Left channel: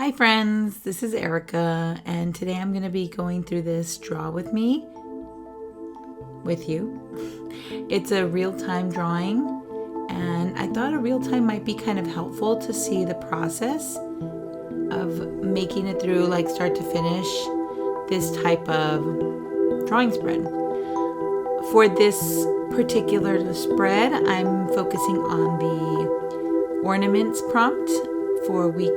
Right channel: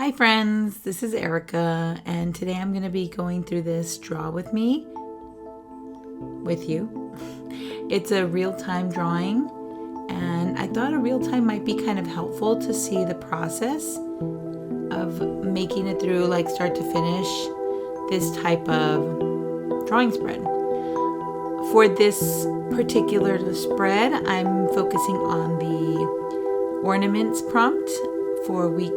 Hi friends, this is Erica, and today I'm going to be going through this Draw With Me with you. It's a real-time drawing, and I thought a real-time might be kind of helpful to see the process of making it through like start to finish this type of drawing spread. For this particular spread, I'm focusing on the ornaments prompt for week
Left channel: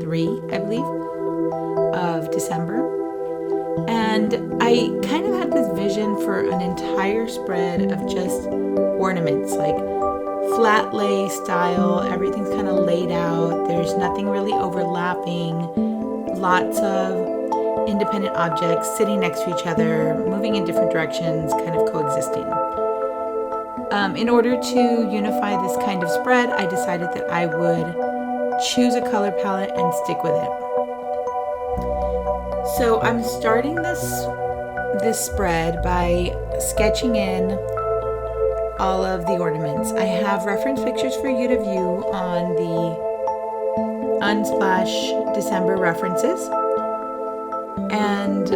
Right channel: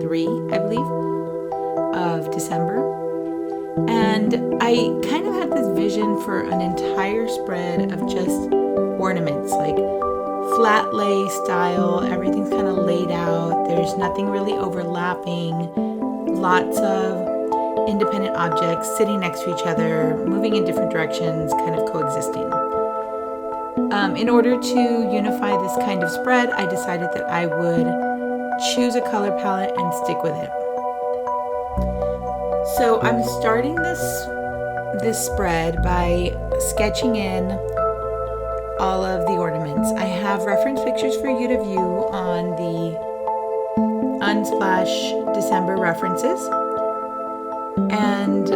3, I believe, of December. And I kind of had this vision for an entire spread of just ornaments, like flat lay style. Everything's kind of laid out. There's nothing really overlapping. Lots of independent objects sitting next to each other, moving in different directions, kind of coexisting. In order to unify this kind of spread, I decided that I would choose a color palette and stick with it. So I'm starting this spread by sketching in all of the ornaments. I have reference pictures for you to view on the Unsplash December references. And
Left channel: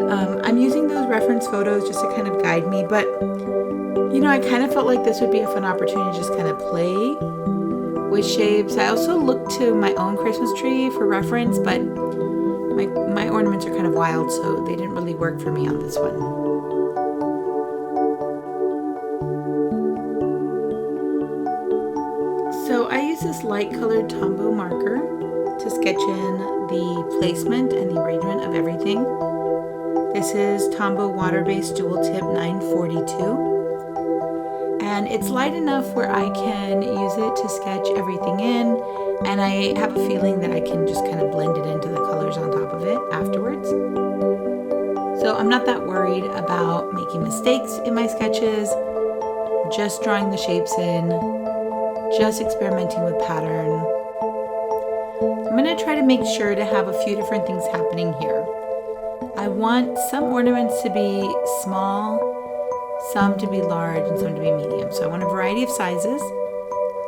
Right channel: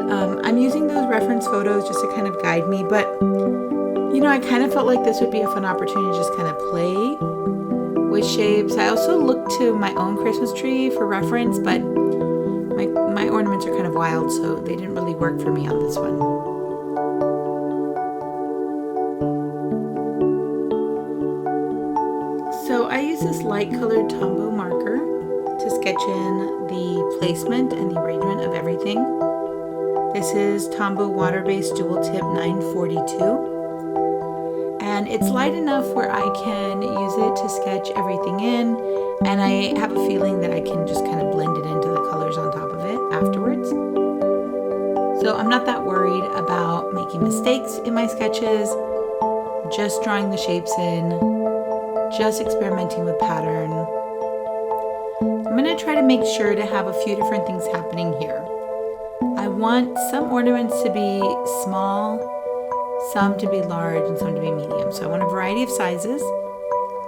I'm using those reference photos just to kind of guide me, but I kind of felt like this would be a fun opportunity to just kind of play with shapes. I also looked to my own Christmas tree for reference, but my ornaments are kind of wild, so they didn't really work for me on this one. So I use this light colored Tombow marker to sketch in the placement and the arrangement of everything. This is Tombow water-based dual tip 942. And it's light enough where I can use it to sketch everything in, and I have a feeling that I can just kind of blend it into the colors on top of it afterwards. So I'm not that worried about making mistakes in my sketches, just drawing the shapes in, just experimenting with pattern. I'm going to try to make sure to have a few different things happening here. I want some ornaments to be small, some to be large, and some to be medium. So I want a variety of sizes.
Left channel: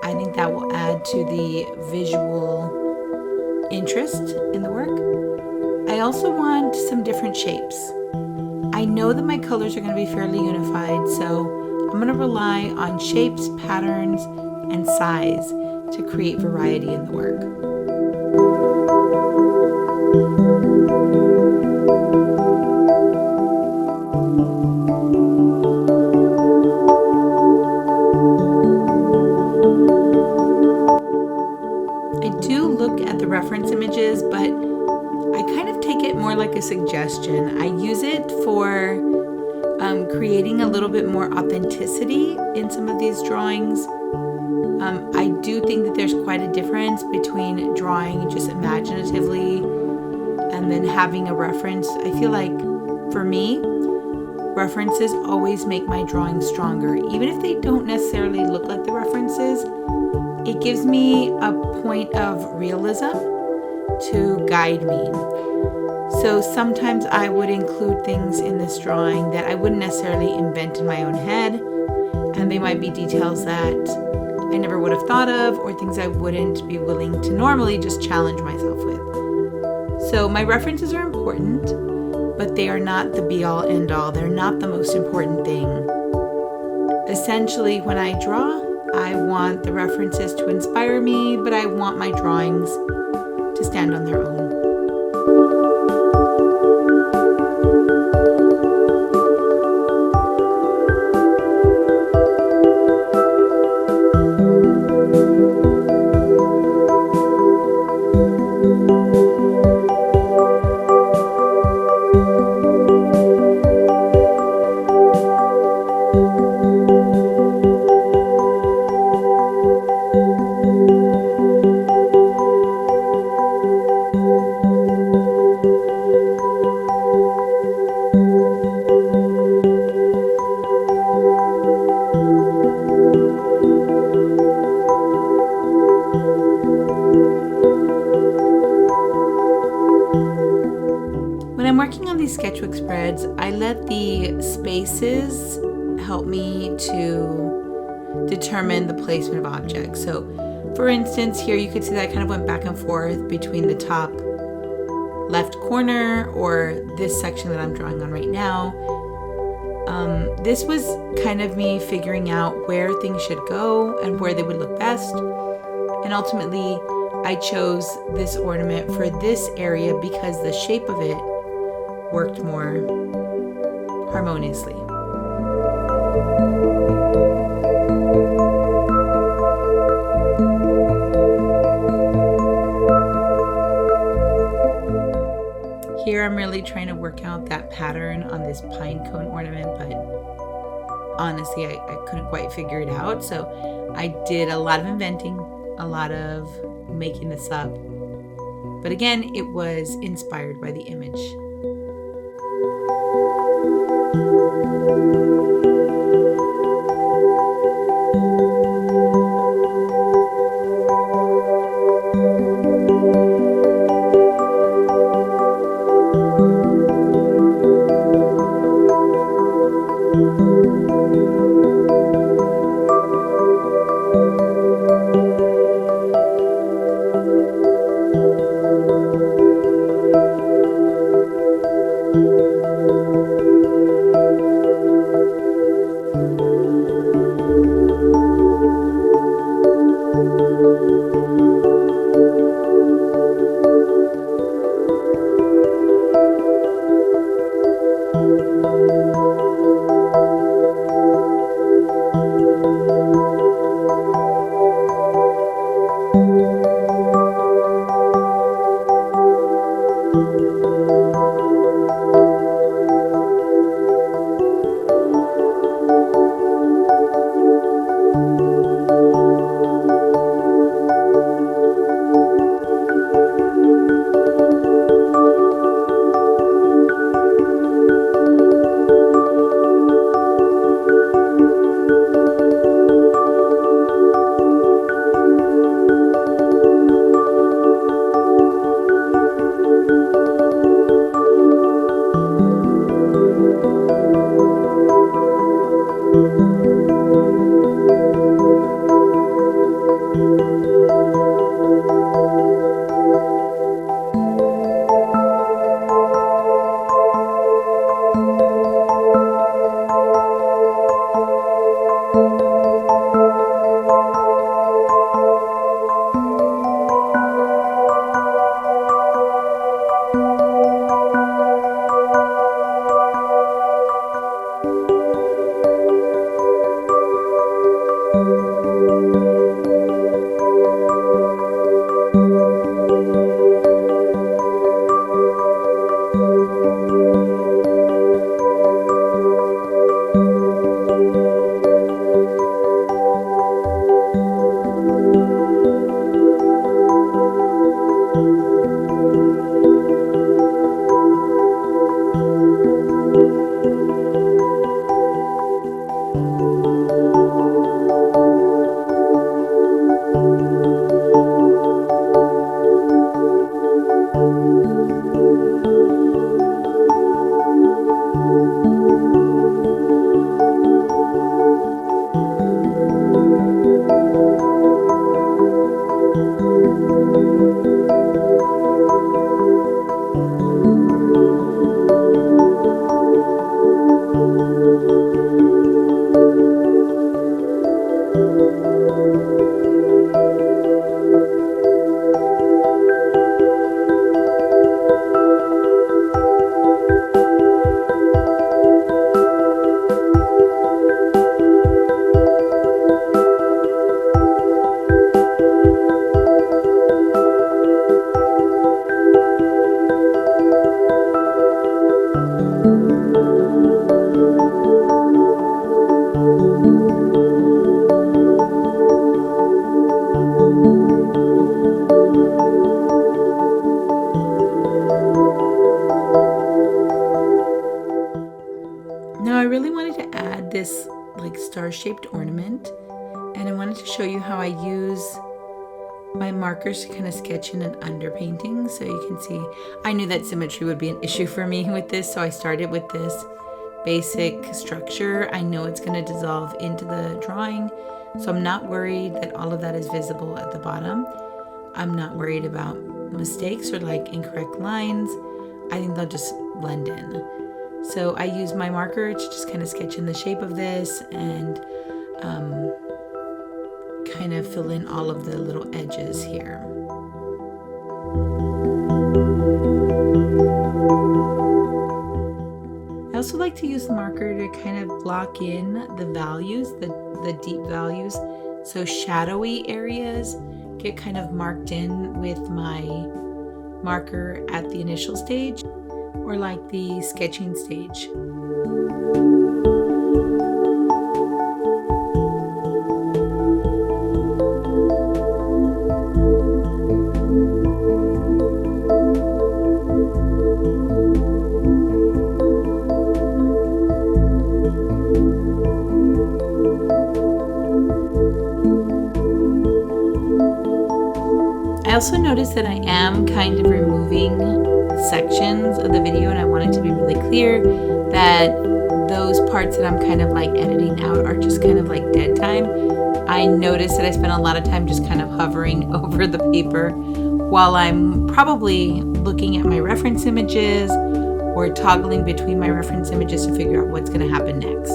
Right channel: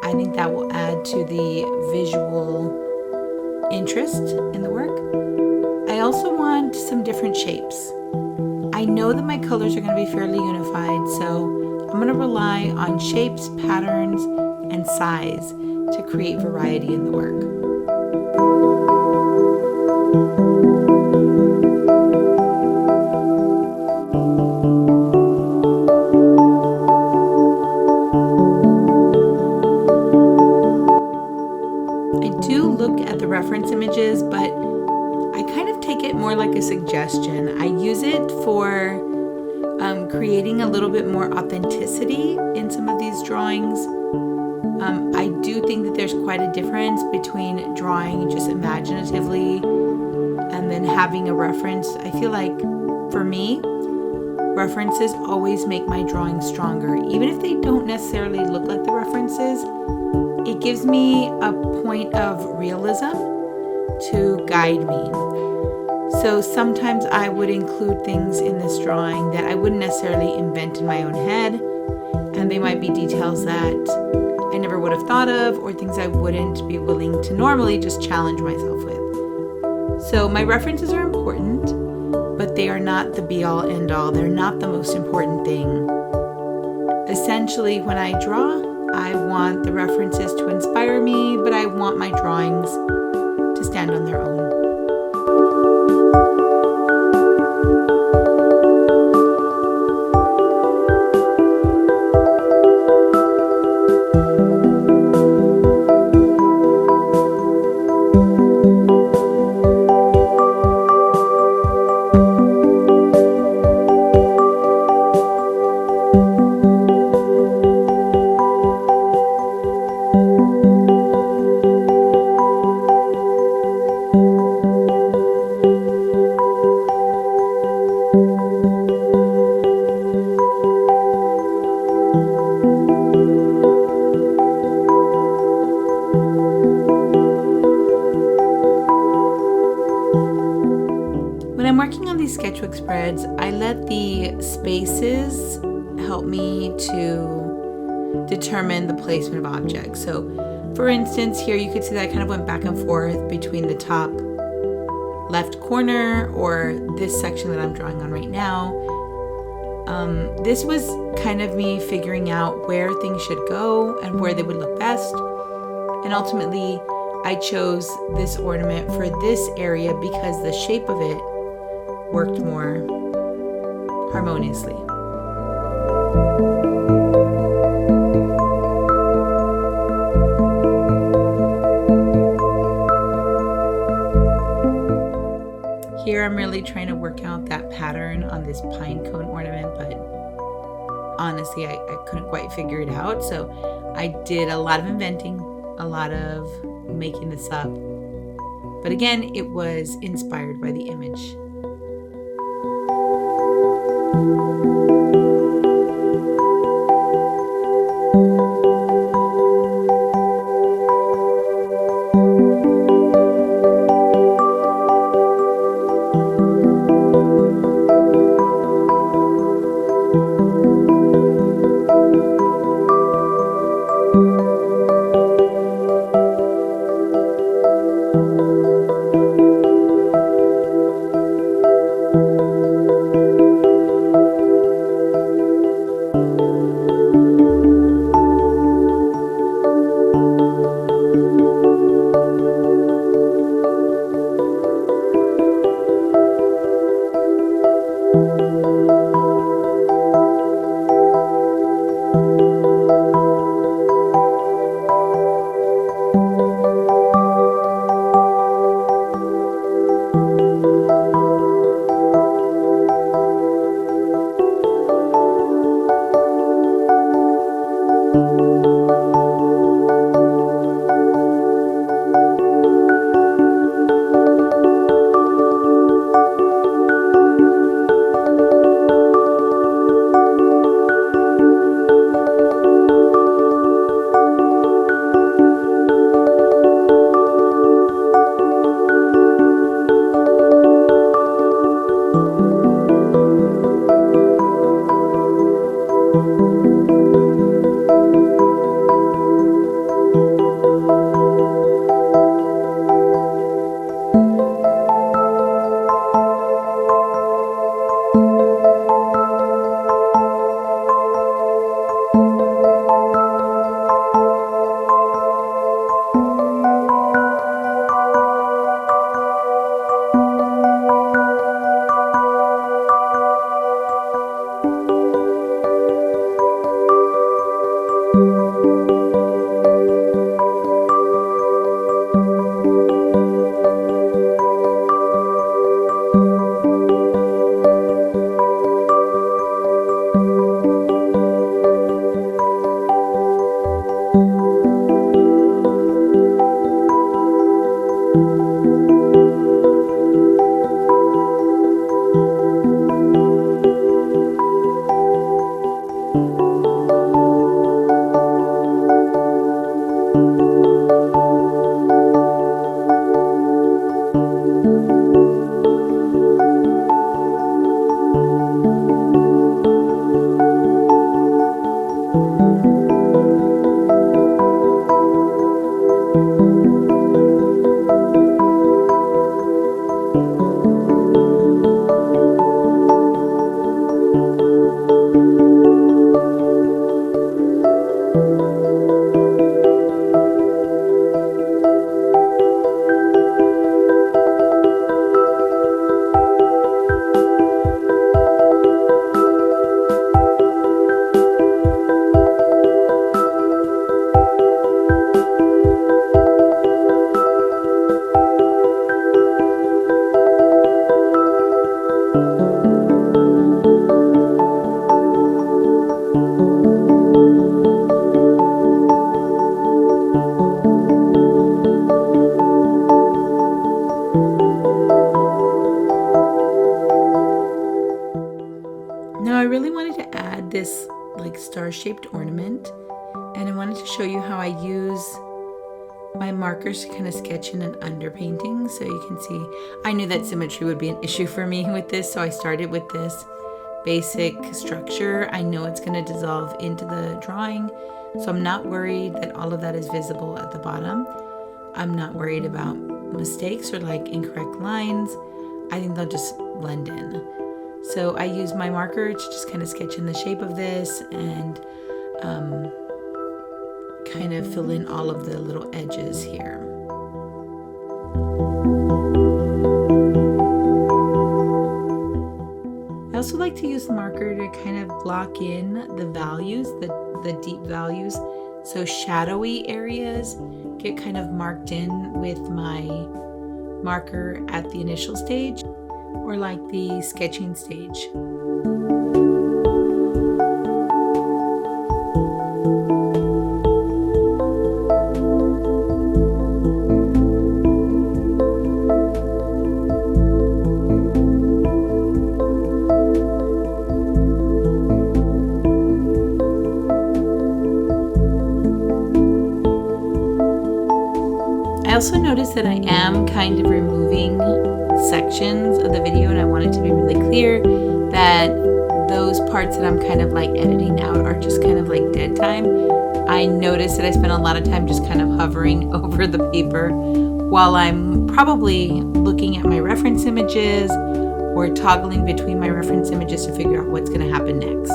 I think that will add to the visual interest in the work. I also want some different shapes. I know that my colors are going to be fairly unified, so I'm going to rely on shapes, patterns, and size to create variety in the work. Reference images, but I kind of take it more like a suggestion. I use it for creating a little bit more authenticity in some of these drawings. I do think that there's quite a difference between drawing just imaginatively and then having a reference. I feel like for me, references always make my drawing stronger. Even if they don't necessarily look like the references, it gives me a point of realism to guide me. So sometimes I would include things in this drawing that I wouldn't necessarily invent in my own head, and they might be details that I never would have thought of, or things I wouldn't be willing to normally just challenge myself with. So my references are important, but they are not the be-all end-all. They're not the most important thing. Essentially, when I draw, I want the references to inspire me, but I want my drawings to stand on their own. When I'm working on these sketchbook spreads, I let the spaces help me to determine the placement of objects. So for instance, here you could see that I kind of went back and forth between the top left corner or this section that I'm drawing on right now. This was kind of me figuring out where things should go and where they would look best. And ultimately, I chose this ornament for this area because the shape of it worked more harmoniously. Here I'm really trying to work out that pattern on this pine cone ornament, but honestly I couldn't quite figure it out. So I did a lot of inventing, a lot of making this up. But again, it was inspired by the image. This like star-shaped ornament, and I wanted to show you how I use my markers to kind of sketch in an underpainting. So you can see I knew that symmetry would be an issue for me with this, so I started with this basic structure. I know it's going to dissolve into the drawing, so I'm not worried that all of that is visible at the bottom. I'm not worried about mistakes or like incorrect lines, I think they'll just blend in. So I use my marker to just kind of sketch in the shape of this and kind of fill in all of the little edges here. I also like to use the marker to kind of block in the values, the deep values. So shadowy areas get kind of marked in with my marker at the initial stage or like the sketching stage. I also noticed that I am kind of removing sections of the video, and I want it to be really clear that those parts that I'm kind of like editing out are just kind of like dead time. I noticed that I spent a lot of time just kind of hovering over the paper while I'm probably looking at my reference images or toggling between my reference images to figure out what's going to happen next.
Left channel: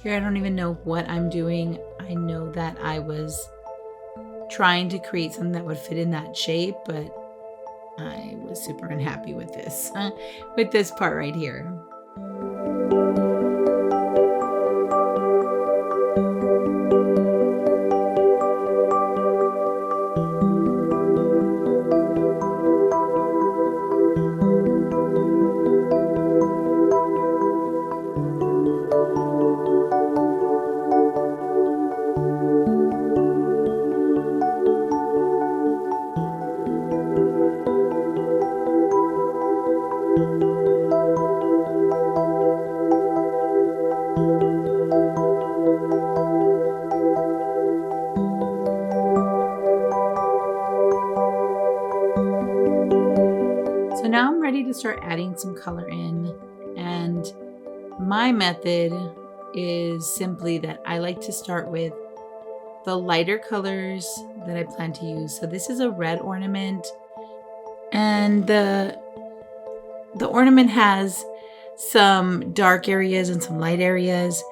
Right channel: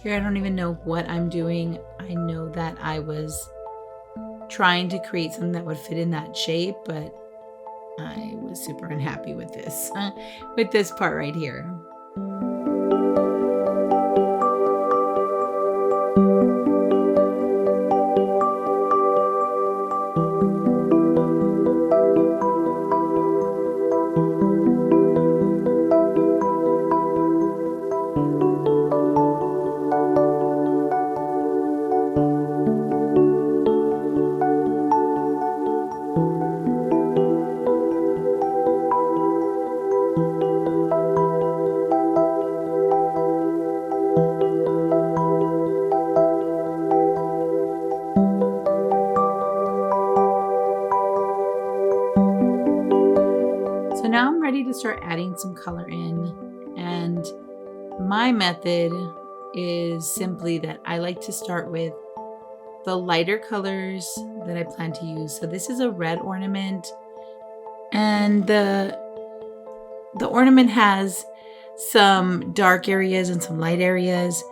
Here I don't even know what I'm doing. I know that I was trying to create something that would fit in that shape, but I was super unhappy with this, with this part right here. So now I'm ready to start adding some color in, and my method is simply that I like to start with the lighter colors that I plan to use. So this is a red ornament, and the ornament has some dark areas and some light areas.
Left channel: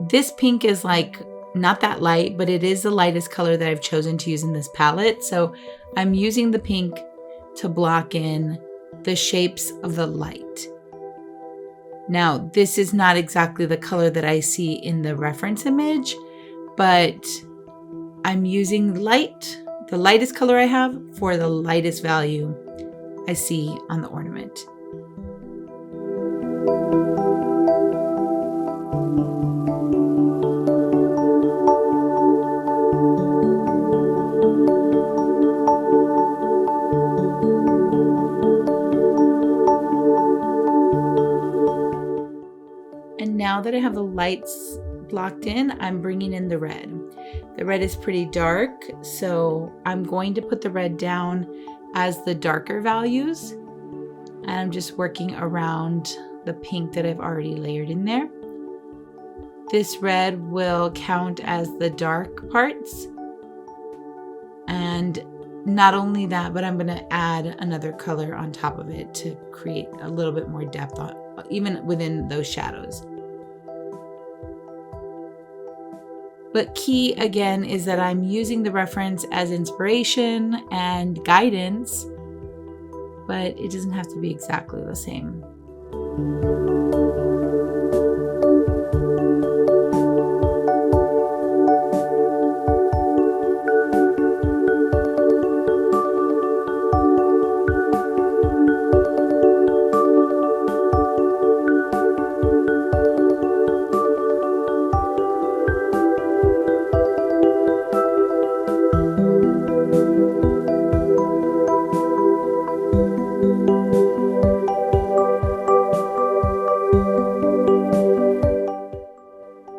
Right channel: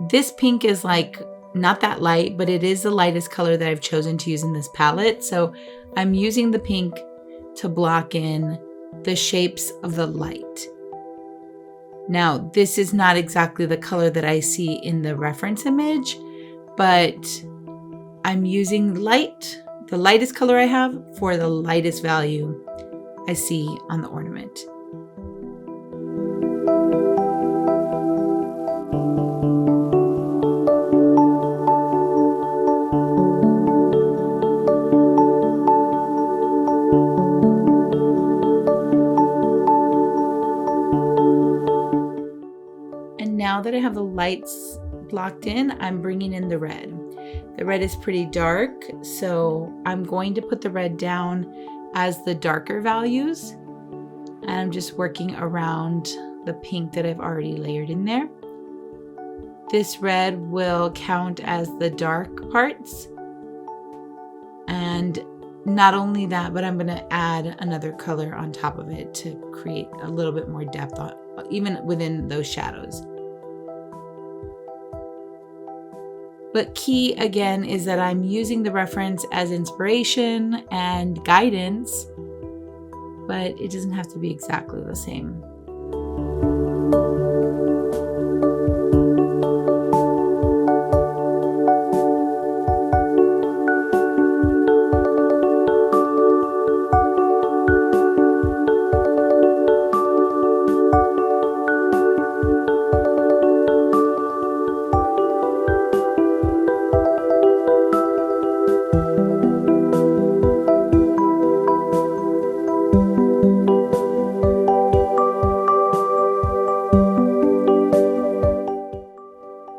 This pink is like not that light, but it is the lightest color that I've chosen to use in this palette. So I'm using the pink to block in the shapes of the light. Now, this is not exactly the color that I see in the reference image, but I'm using light, the lightest color I have, for the lightest value I see on the ornament. Now that I have the lights blocked in, I'm bringing in the red. The red is pretty dark, so I'm going to put the red down as the darker values. And I'm just working around the pink that I've already layered in there. This red will count as the dark parts. And not only that, but I'm going to add another color on top of it to create a little bit more depth on, even within those shadows. But key again is that I'm using the reference as inspiration and guidance, but it doesn't have to be exactly the same.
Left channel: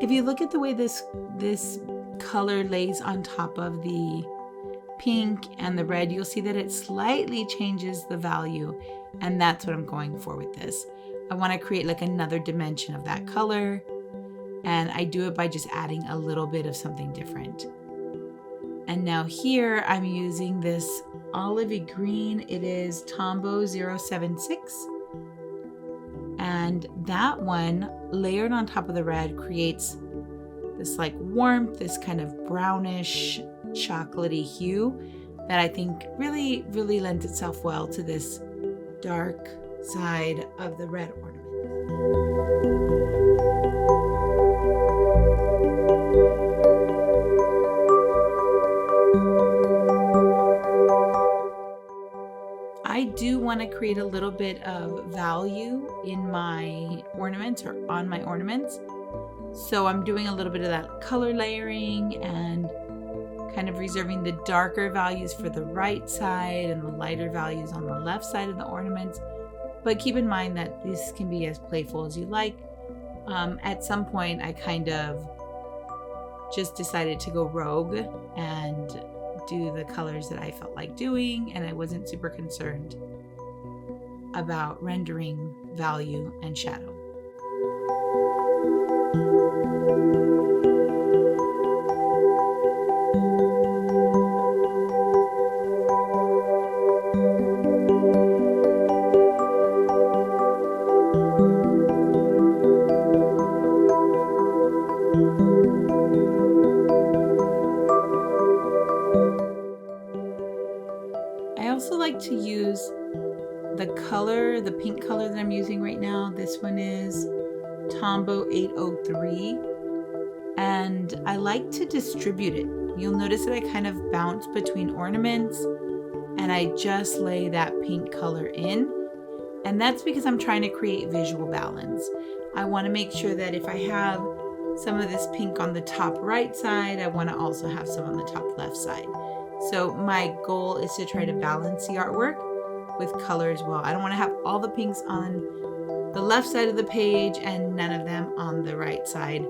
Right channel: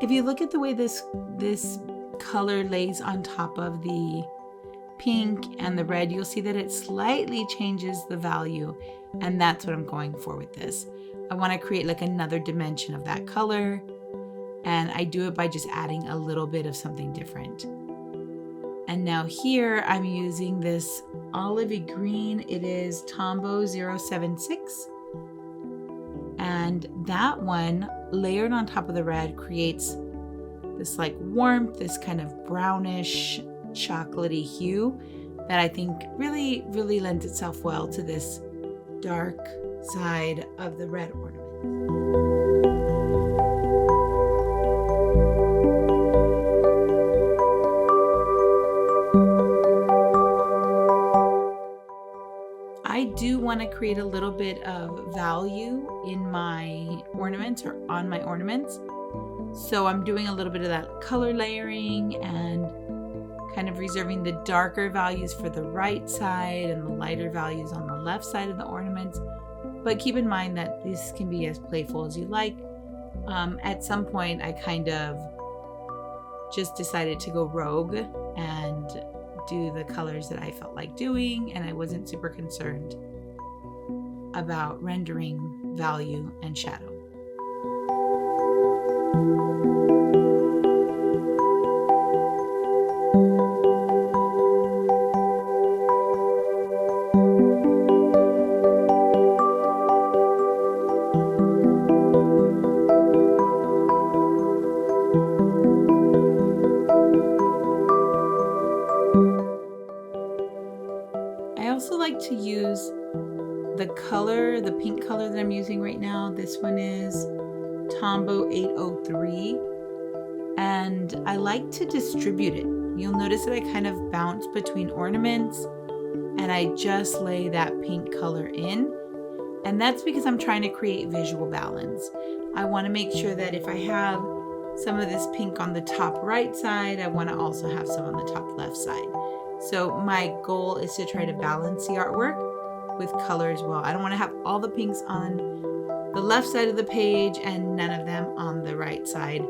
If you look at the way this color lays on top of the pink and the red, you'll see that it slightly changes the value, and that's what I'm going for with this. I want to create like another dimension of that color, and I do it by just adding a little bit of something different. And now here I'm using this olivey green. It is Tombow 076. And that one layered on top of the red creates this like warmth, this kind of brownish chocolatey hue that I think really lends itself well to this dark side of the red ornament. I do want to create a little bit of value in my ornaments or on my ornaments. So I'm doing a little bit of that color layering and kind of reserving the darker values for the right side and the lighter values on the left side of the ornaments. But keep in mind that this can be as playful as you like. At some point, I kind of just decided to go rogue and do the colors that I felt like doing, and I wasn't super concerned about rendering value and shadow. I also like to use the color, the pink color that I'm using right now. This one is Tombow 803, and I like to distribute it. You'll notice that I kind of bounce between ornaments and I just lay that pink color in, and that's because I'm trying to create visual balance. I want to make sure that if I have some of this pink on the top right side, I want to also have some on the top left side. So my goal is to try to balance the artwork with color as well. I don't want to have all the pinks on the left side of the page and none of them on the right side.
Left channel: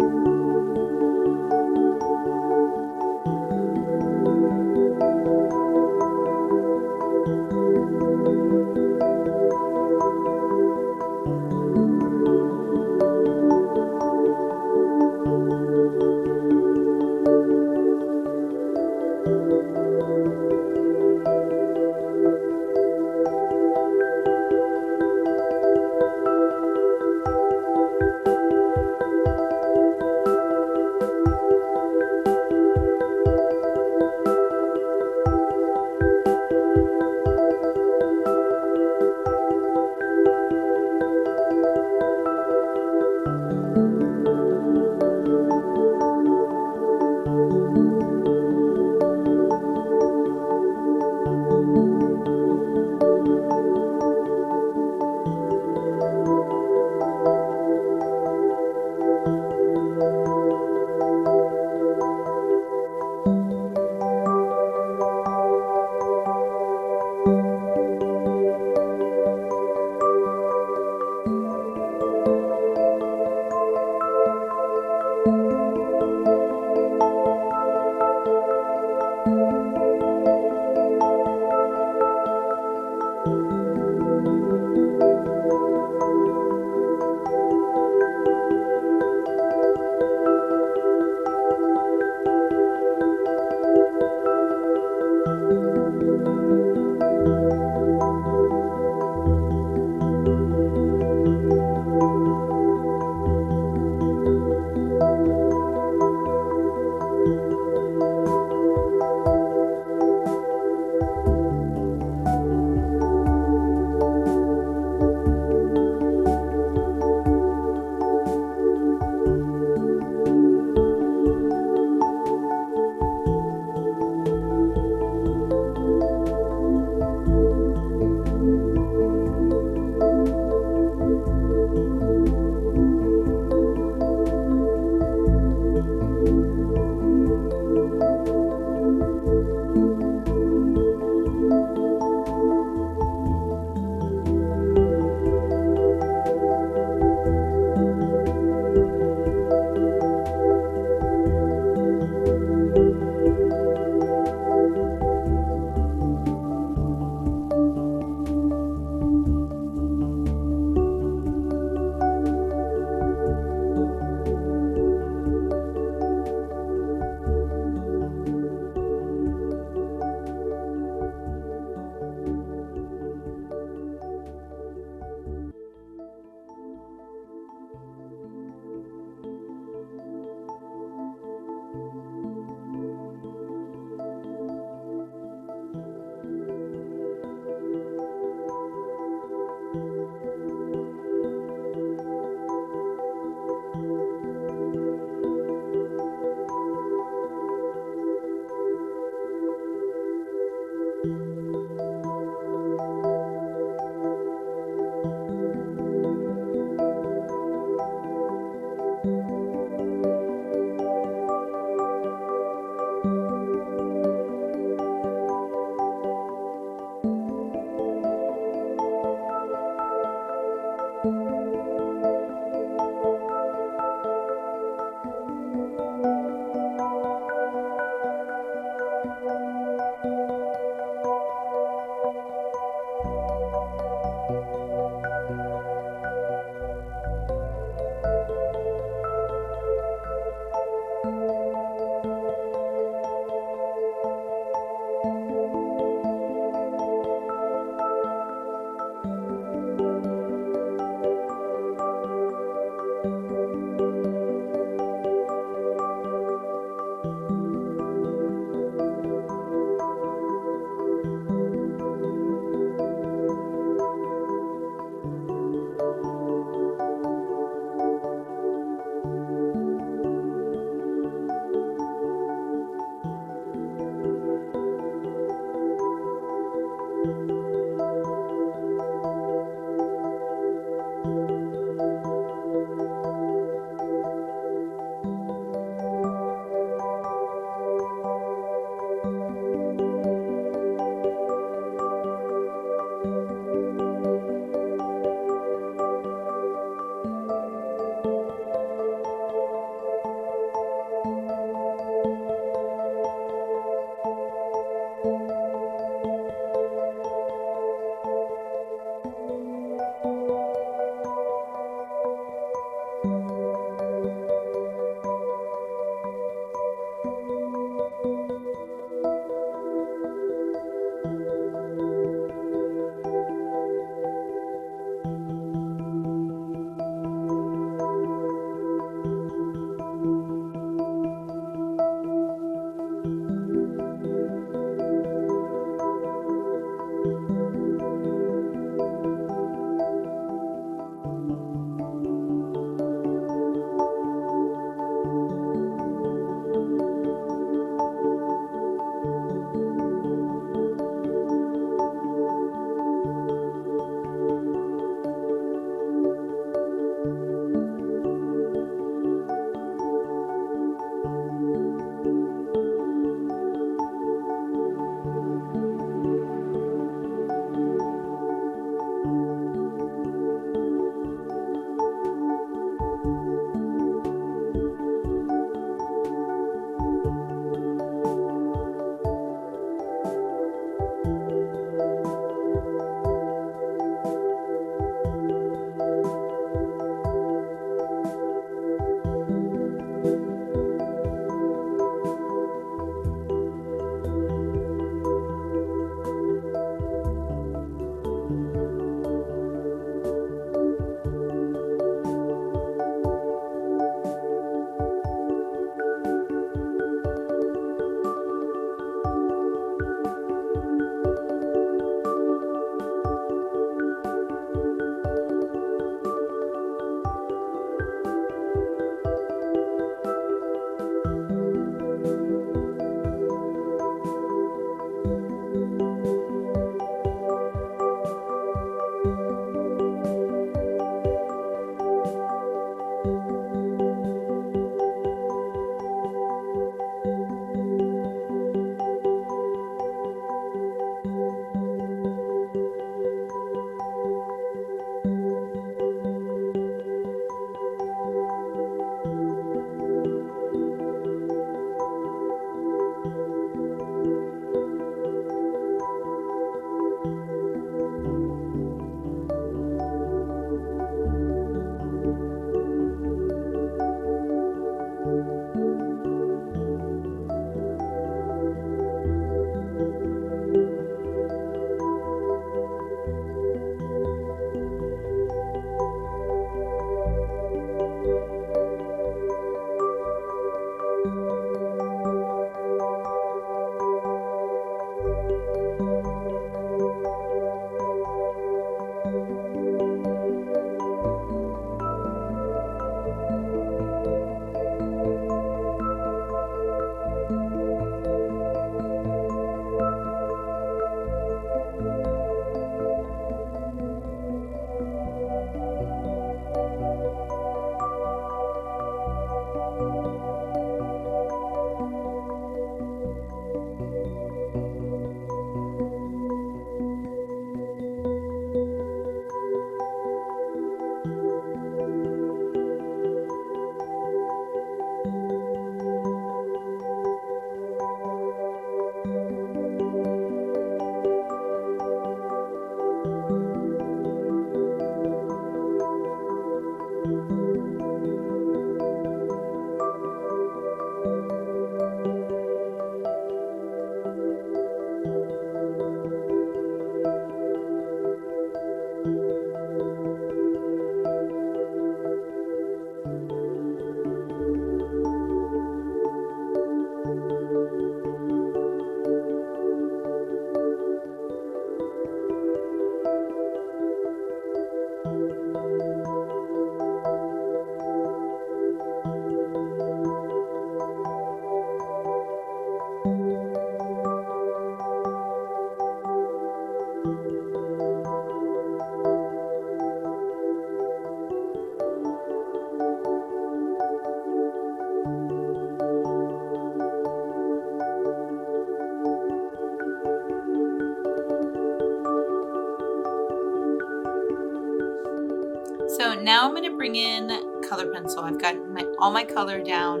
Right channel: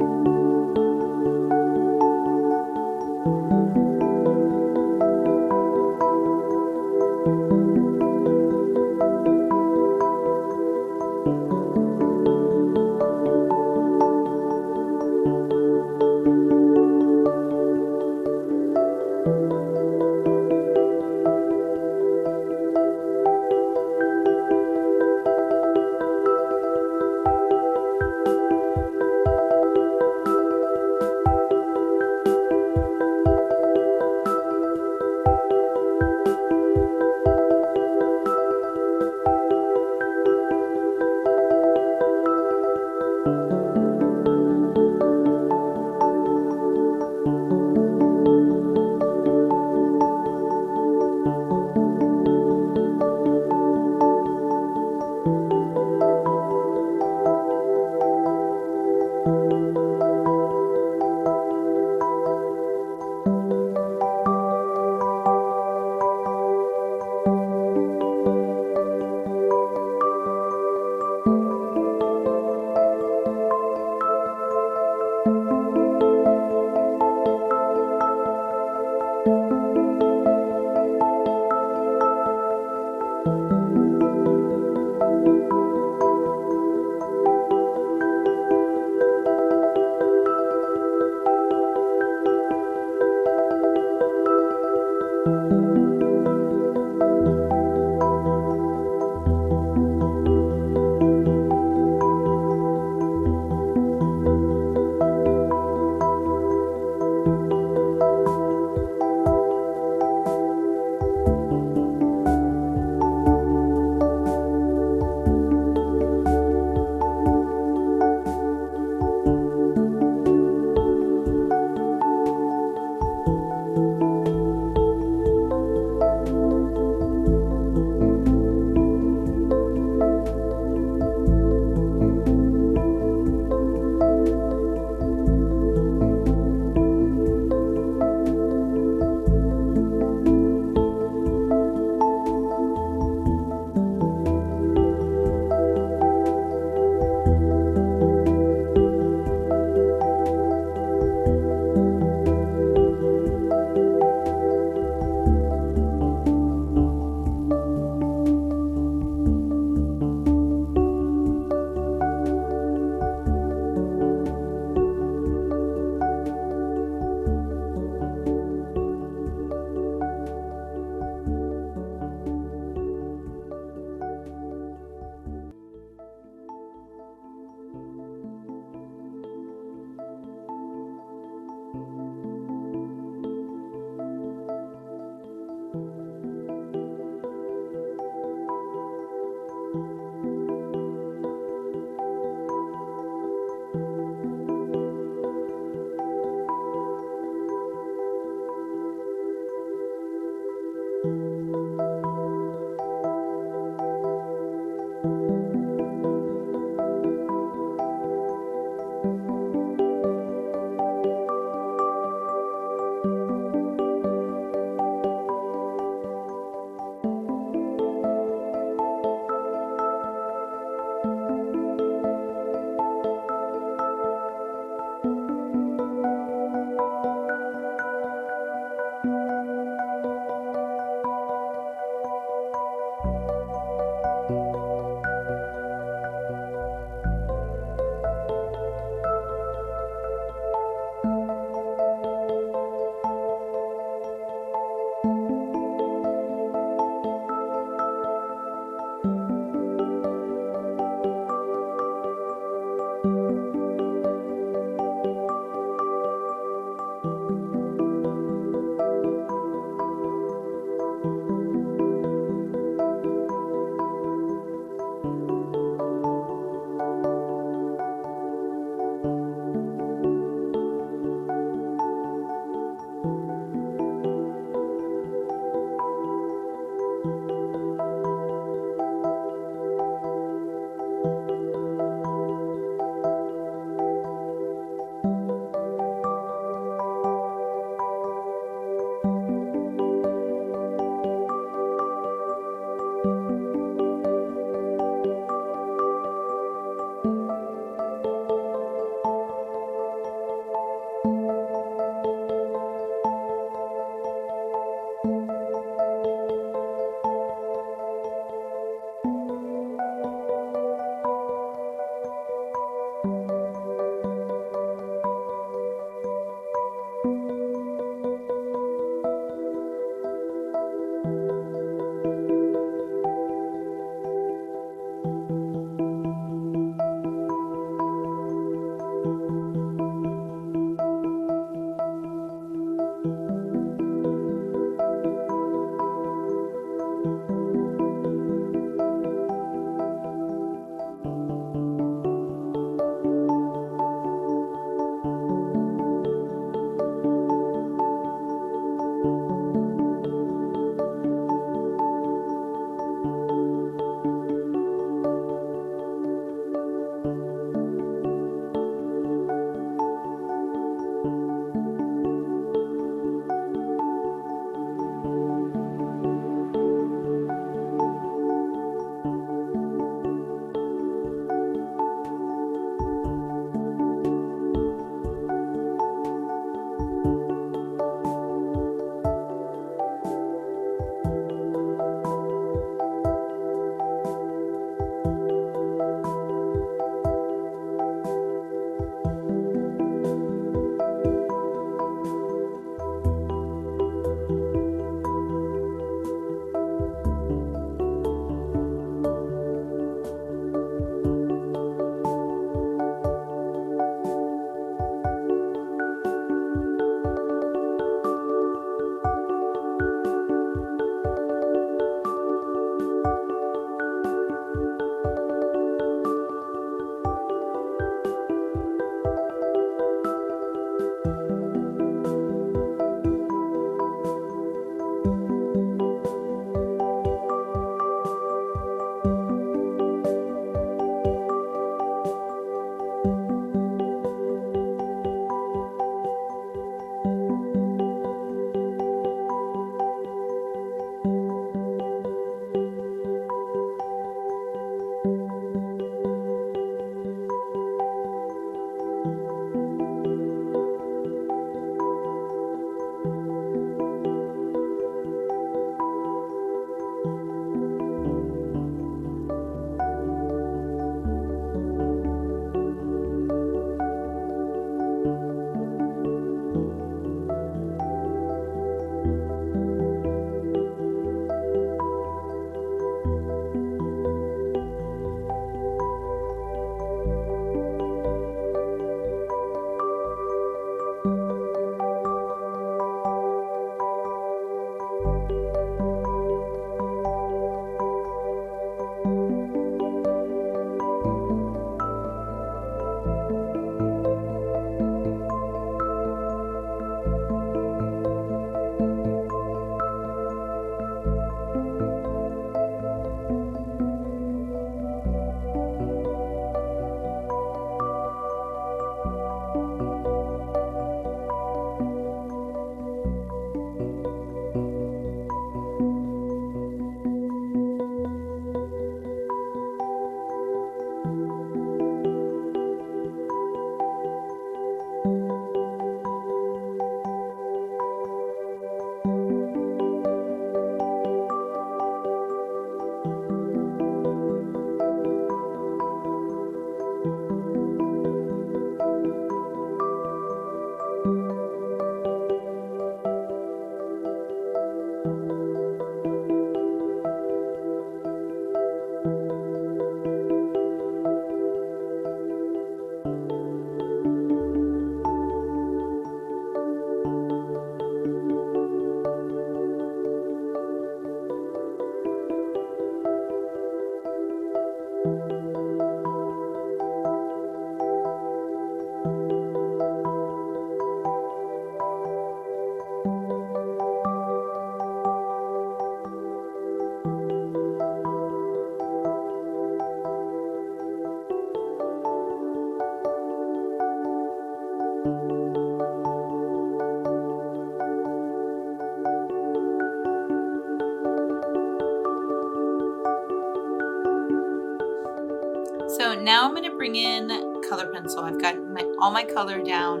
now I'm going to bring in color pencil. I've got all my color down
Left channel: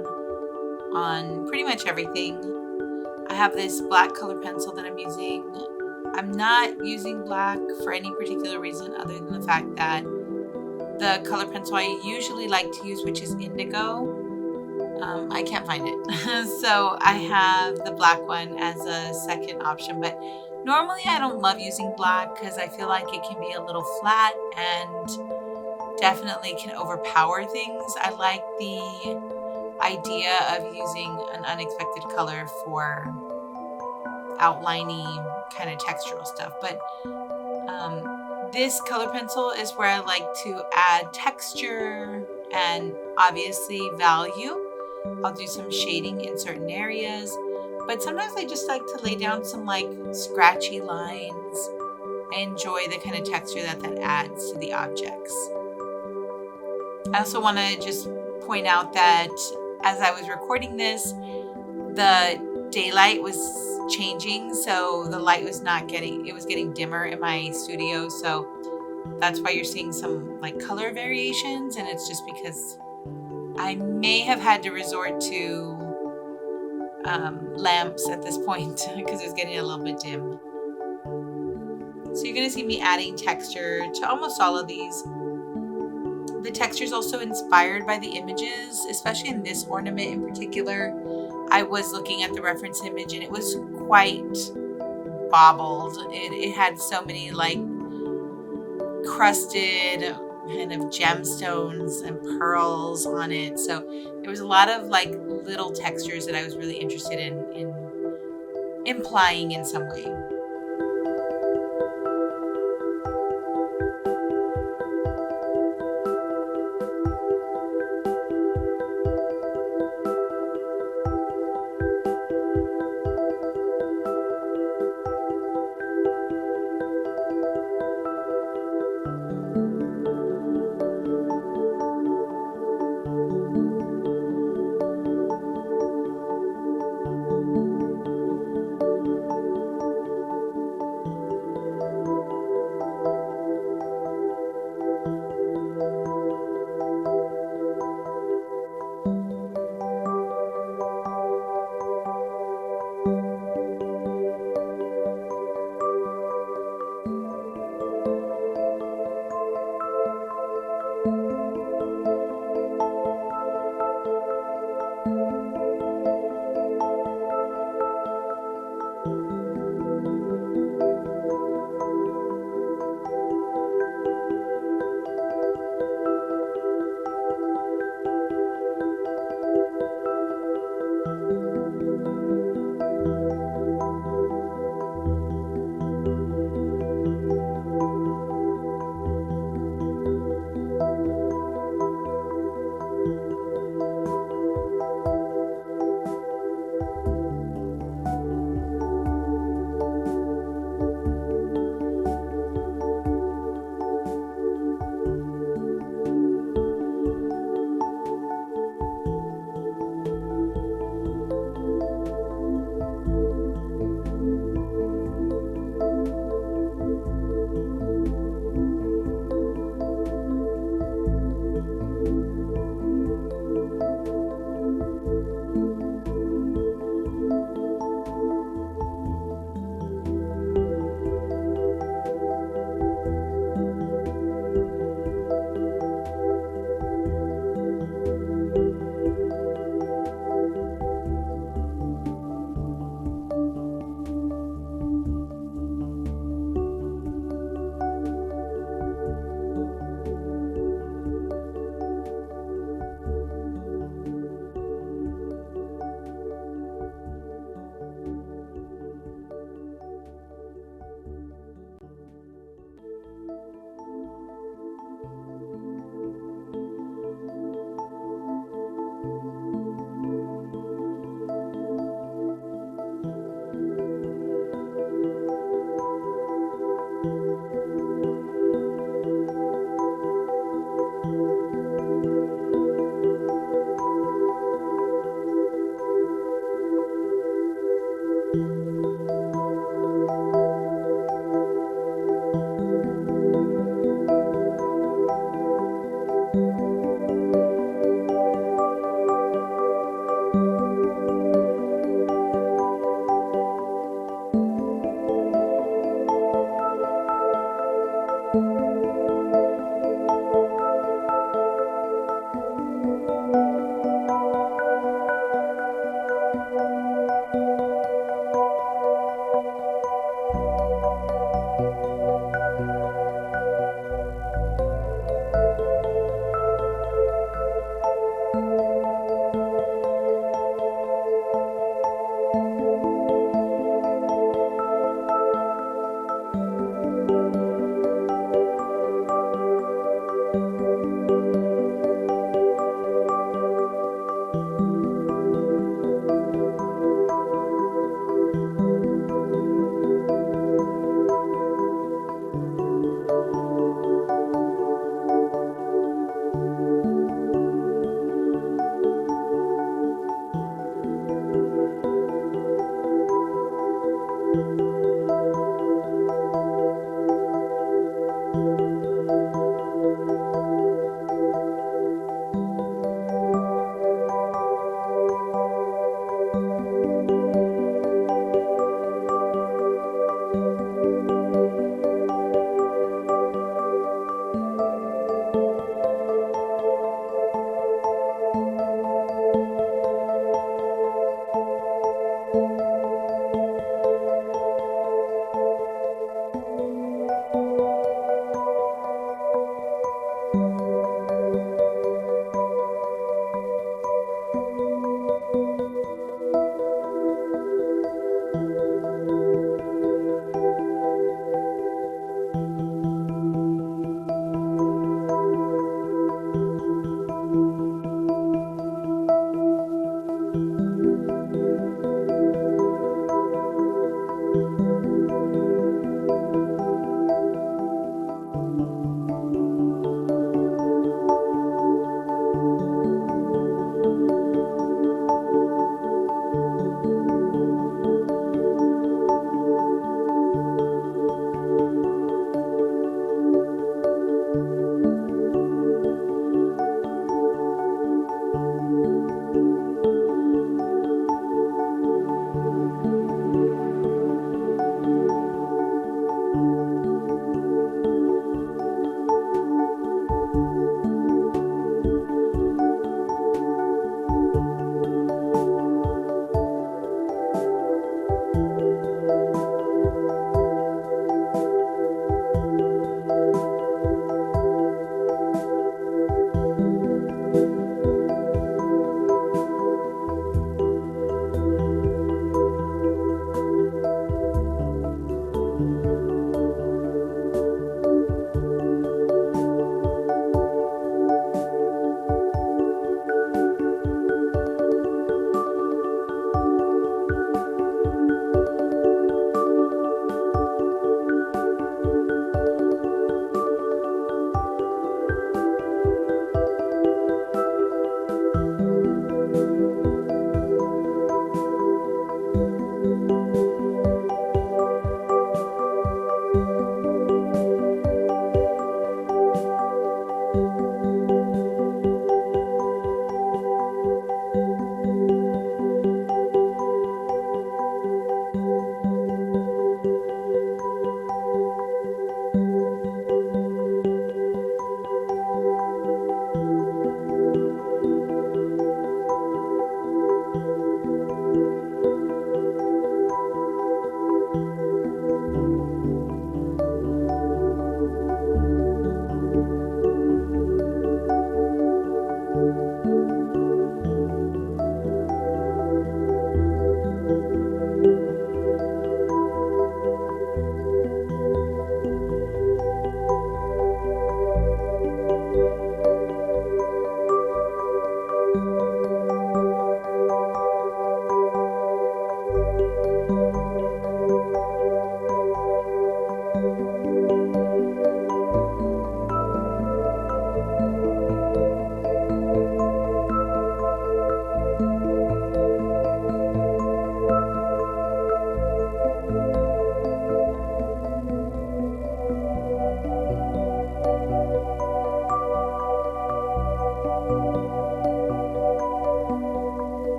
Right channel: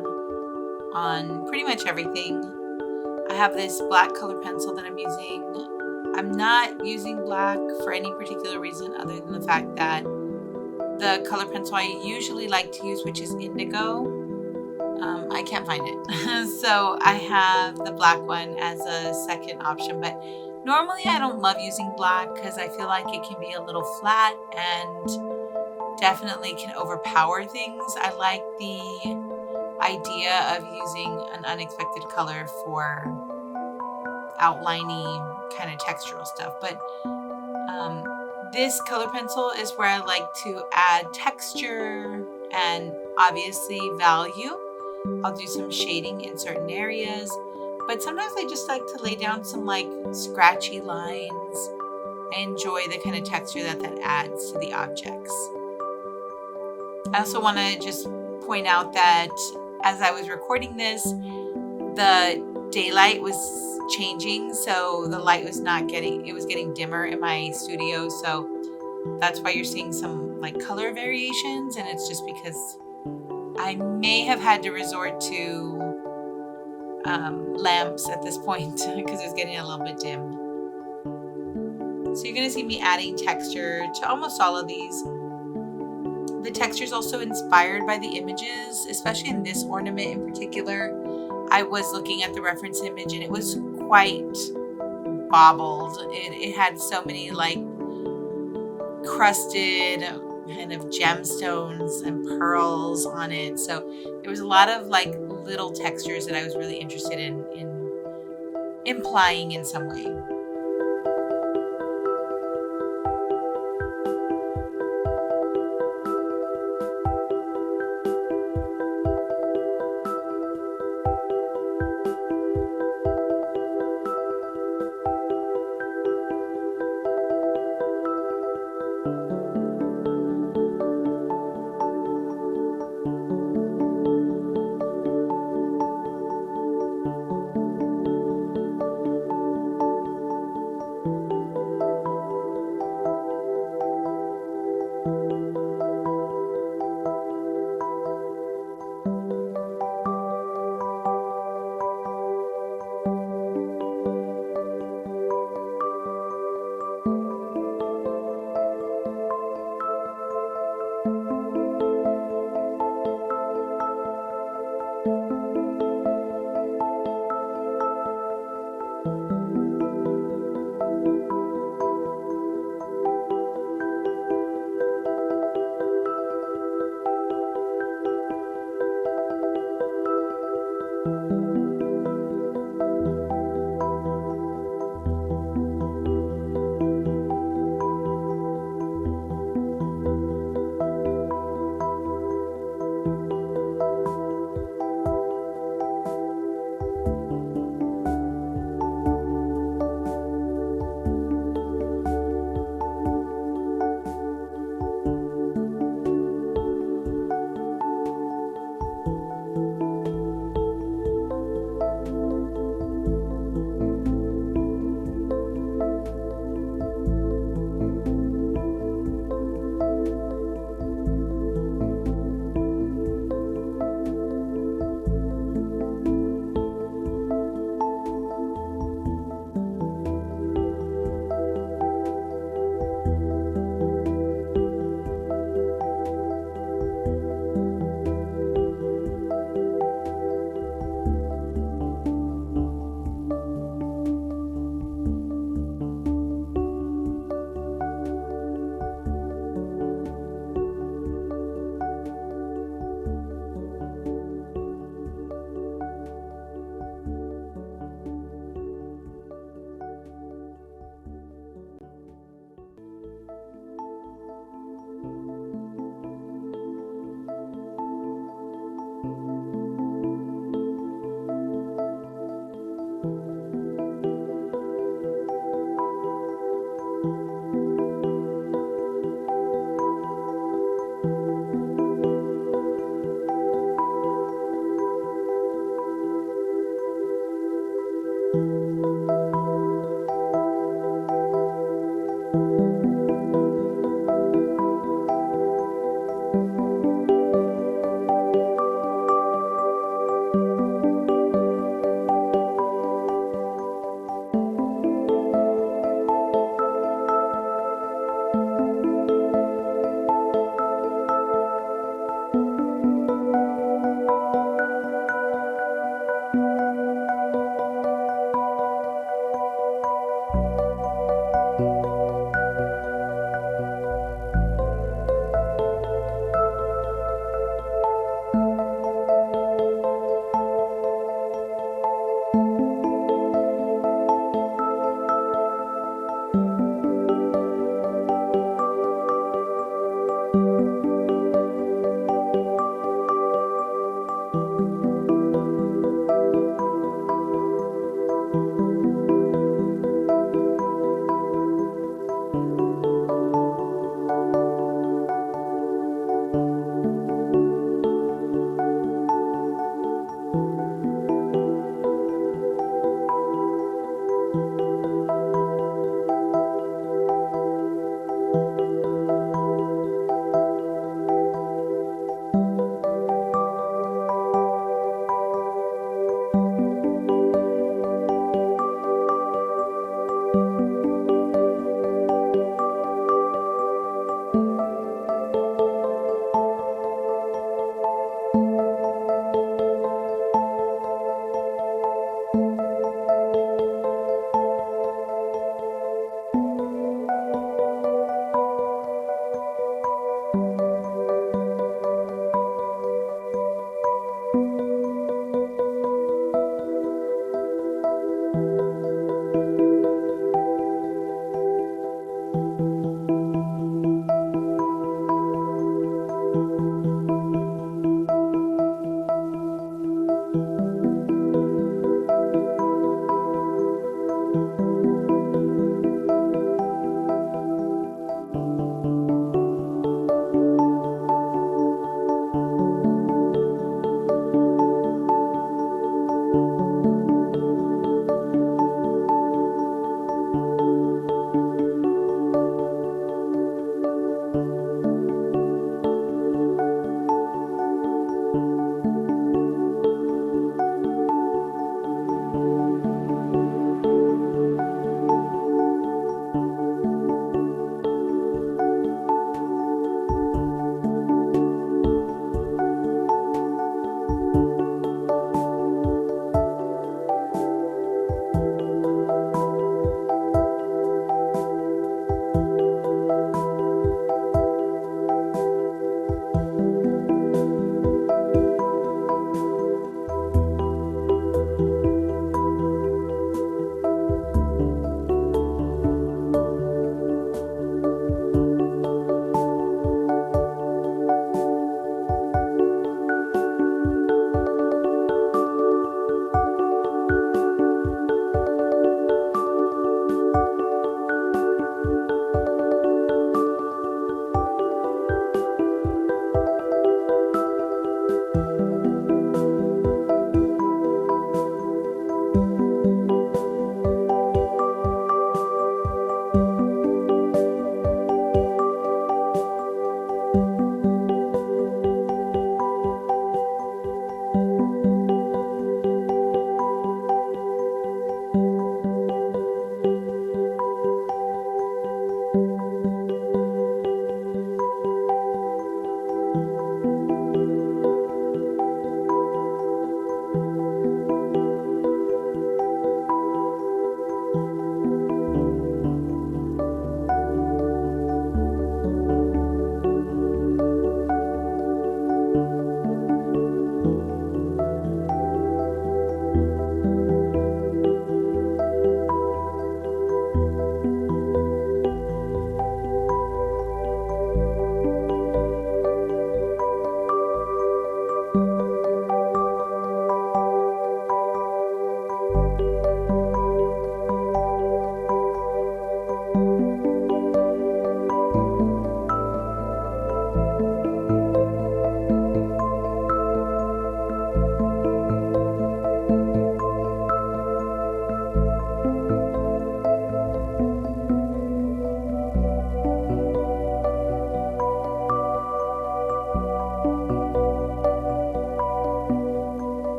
on pretty much everything. I have this black color pencil that I'm using. I'm not using black for any particular reason other than the fact that the color pencil I usually like to use, which is indigo, I can't find it. So I have the black one as a second option, but normally I don't love using black because I feel like it can be a little flat and definitely can overpower things. I like the idea of using an unexpected color for outlining kind of textural stuff, but this color pencil is where I like to add texture and obviously value. I'll do some shading in certain areas, but sometimes I just like to lay down some like scratchy lines. I enjoy the kind of texture that adds to the objects. I also want to just point out that as I was recording this, the daylight was changing, so the light was getting dimmer in my studio, so that's why you're seeing some like color variations, and it's just because I may have had to resort to lamps at this point because it's getting a little bit dim. So you're going to see me adding texture to almost all of these. The texture is also inspired by the images, especially in this ornament in particular. I was looking at the reference image and it was quite bobbled. It had so many like crusted kind of gemstones and pearls on it. So there was a lot of like little textures that I was really interested in implying in some way.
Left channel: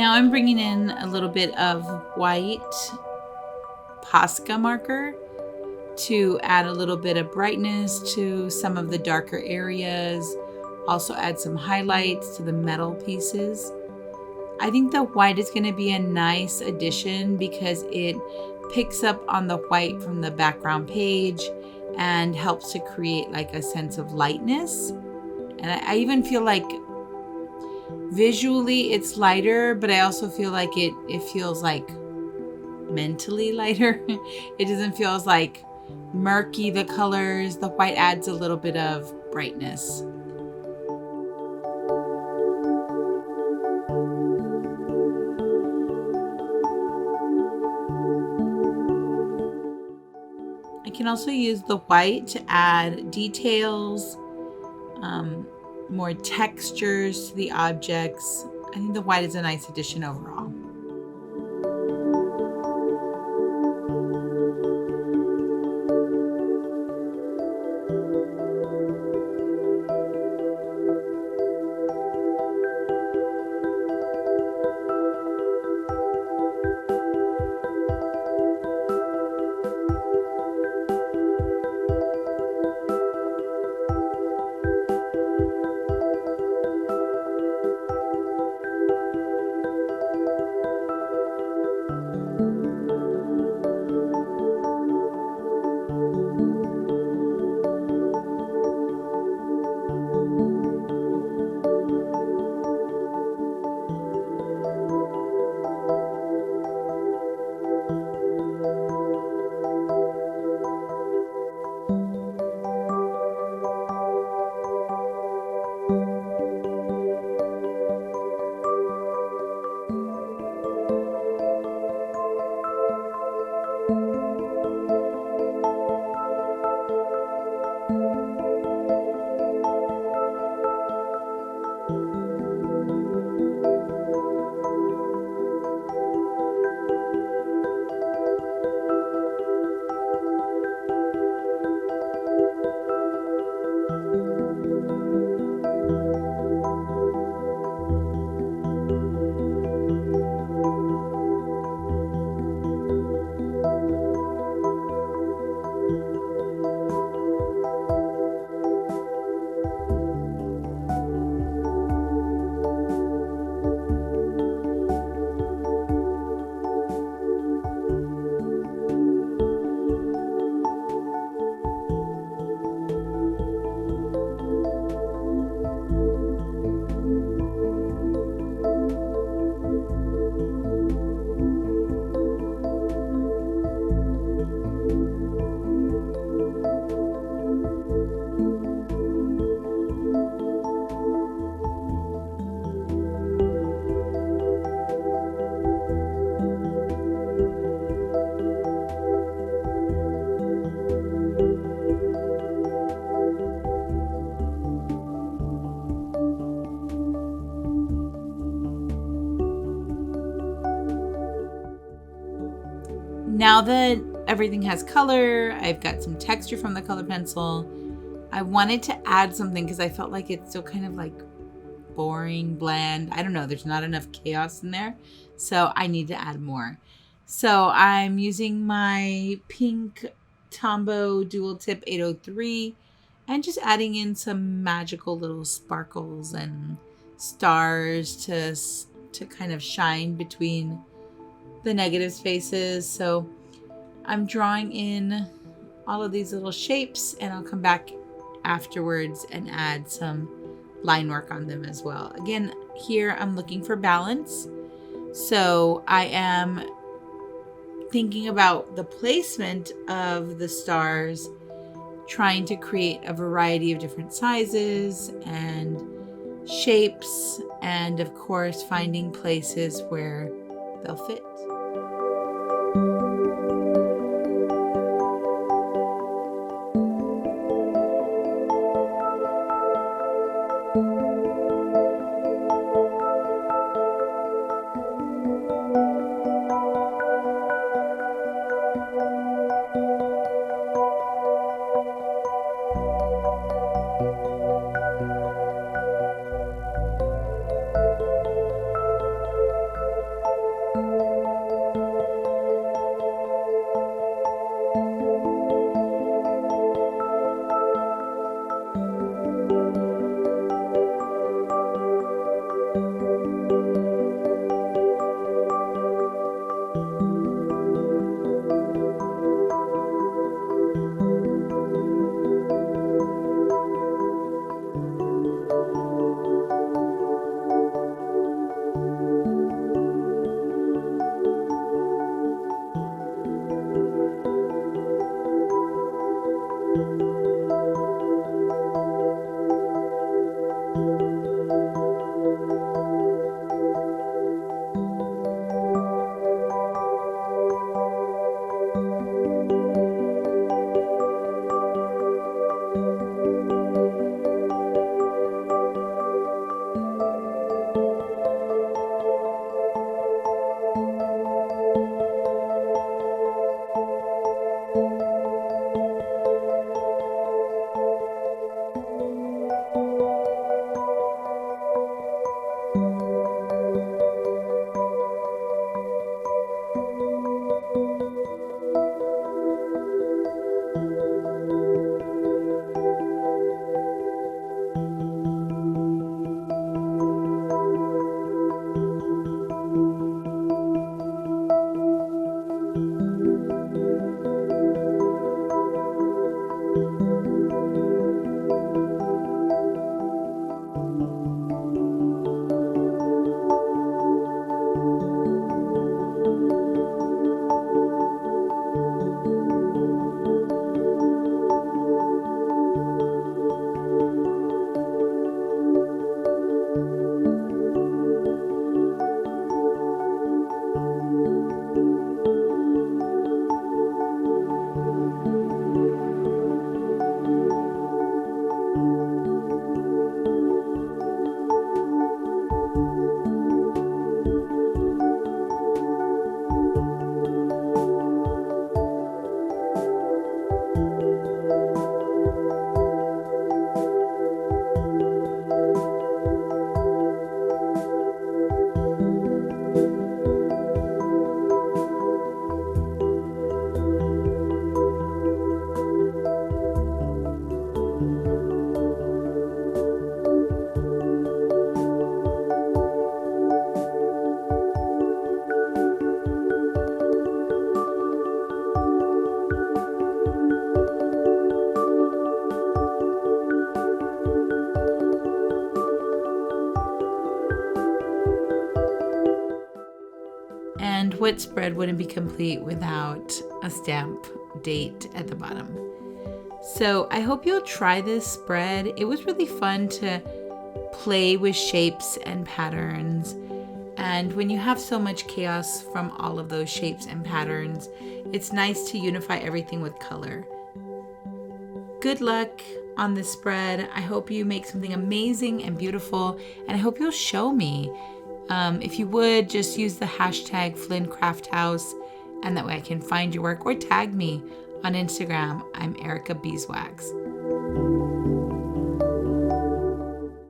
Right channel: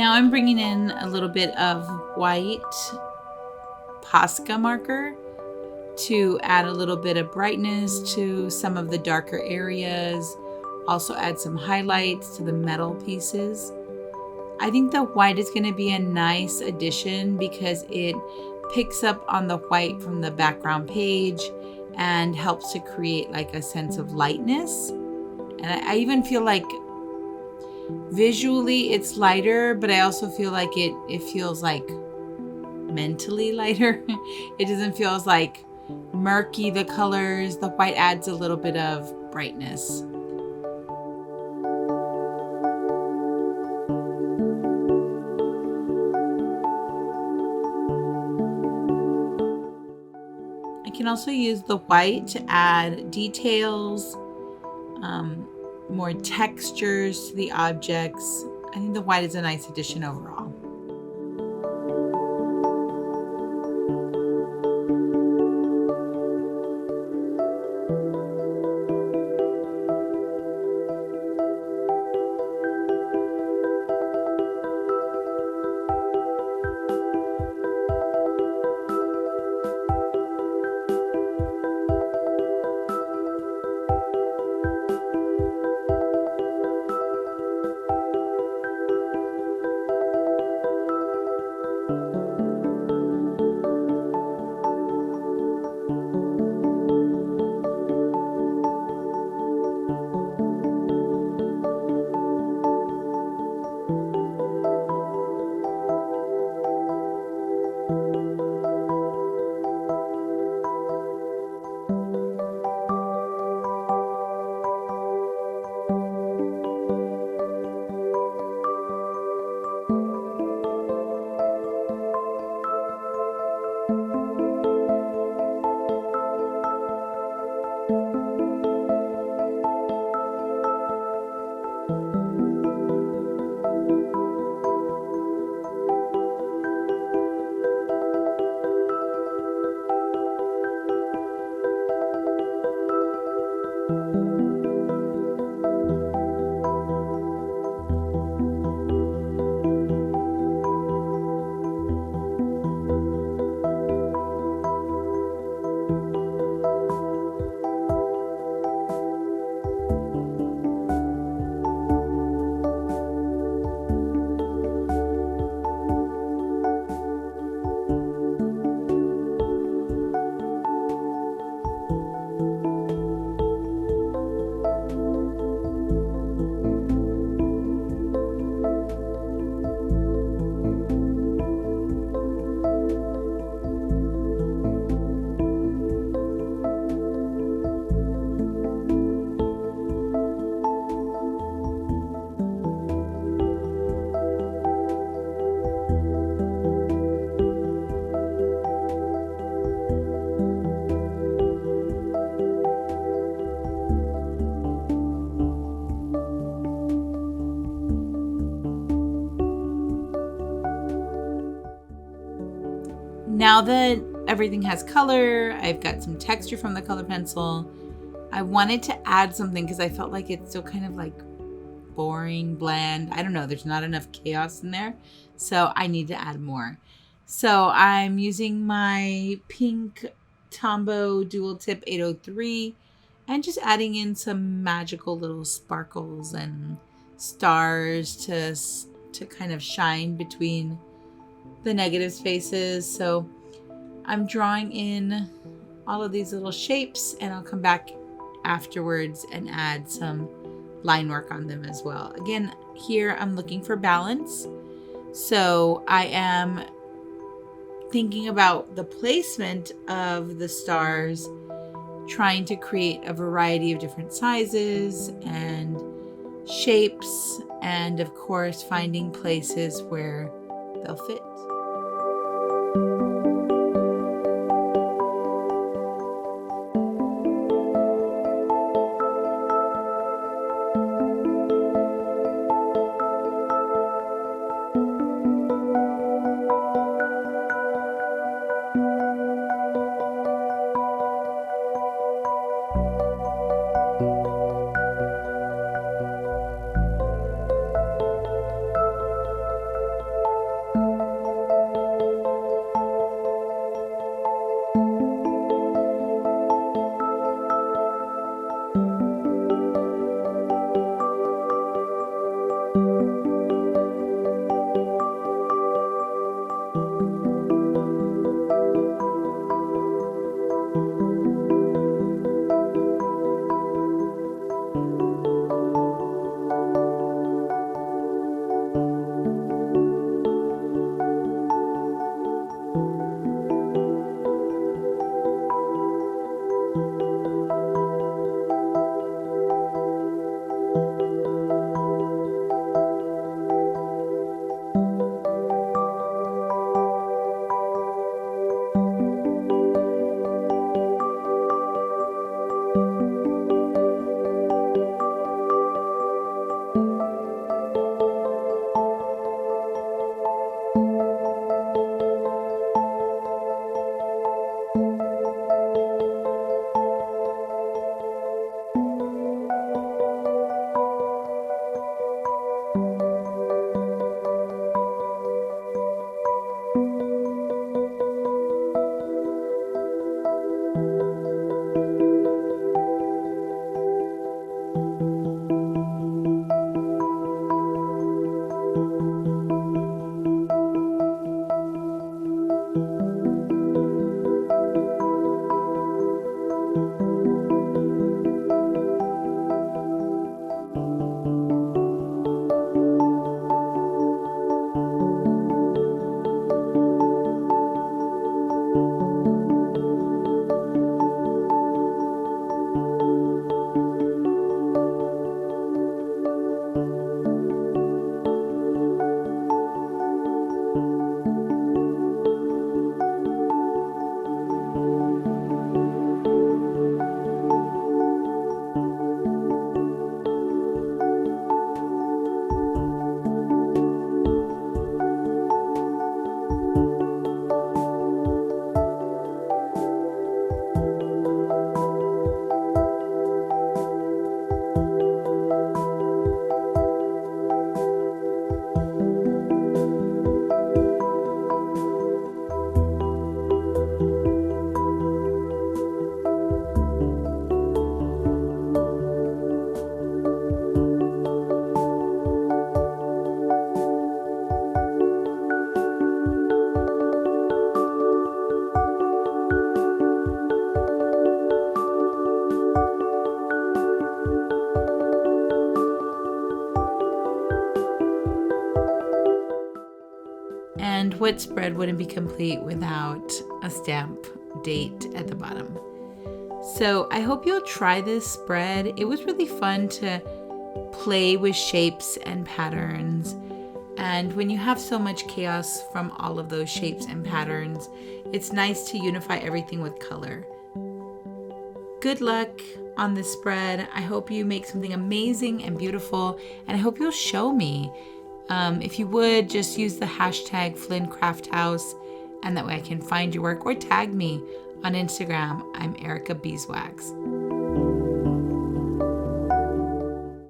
Now I'm bringing in a little bit of white Posca marker to add a little bit of brightness to some of the darker areas. Also add some highlights to the metal pieces. I think the white is going to be a nice addition because it picks up on the white from the background page and helps to create like a sense of lightness. And I even feel like visually it's lighter, but I also feel like it feels like mentally lighter. It doesn't feel as like murky, the colors. The white adds a little bit of brightness. I can also use the white to add details, more textures to the objects. I think the white is a nice addition overall. Now that everything has color, I've got some texture from the color pencil, I wanted to add something because I felt like it's still kind of like boring, bland. I don't know, there's not enough chaos in there. So I need to add more. So I'm using my pink Tombow dual tip 803 and just adding in some magical little sparkles and stars to kind of shine between the negative spaces. So I'm drawing in all of these little shapes, and I'll come back afterwards and add some line work on them as well. Again, here I'm looking for balance. So I am thinking about the placement of the stars, trying to create a variety of different sizes and shapes, and of course finding places where they'll fit. And what spread wouldn't be complete without a stamp date at the bottom? So I hope you'll try this spread. It was really fun to play with shapes and patterns. And when you have so much chaos from all of those shapes and patterns, it's nice to unify everything with color. Good luck on this spread. I hope you make something amazing and beautiful, and I hope you'll show me. If you would, just use the hashtag flynncrafthouse, and that way I can find your work, or tag me on Instagram. I'm Erica Beeswax.